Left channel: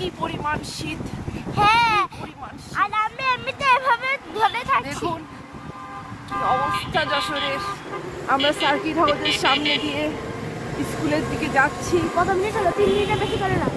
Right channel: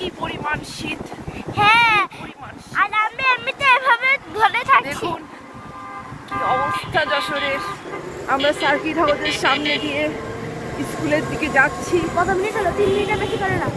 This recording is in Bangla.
কি পরিমাণ শীত। হ্যাঁ, আর আমি এমনিতে এভাবে ধরে থাকি। দেখুন কি অবস্থা যশোরের। আমরা সার্কিট হাউসের সামনে দিয়ে স্কুলের দিকে যাচ্ছি। কত মিনিট হলো? 3 মিনিটের বেশি করে না।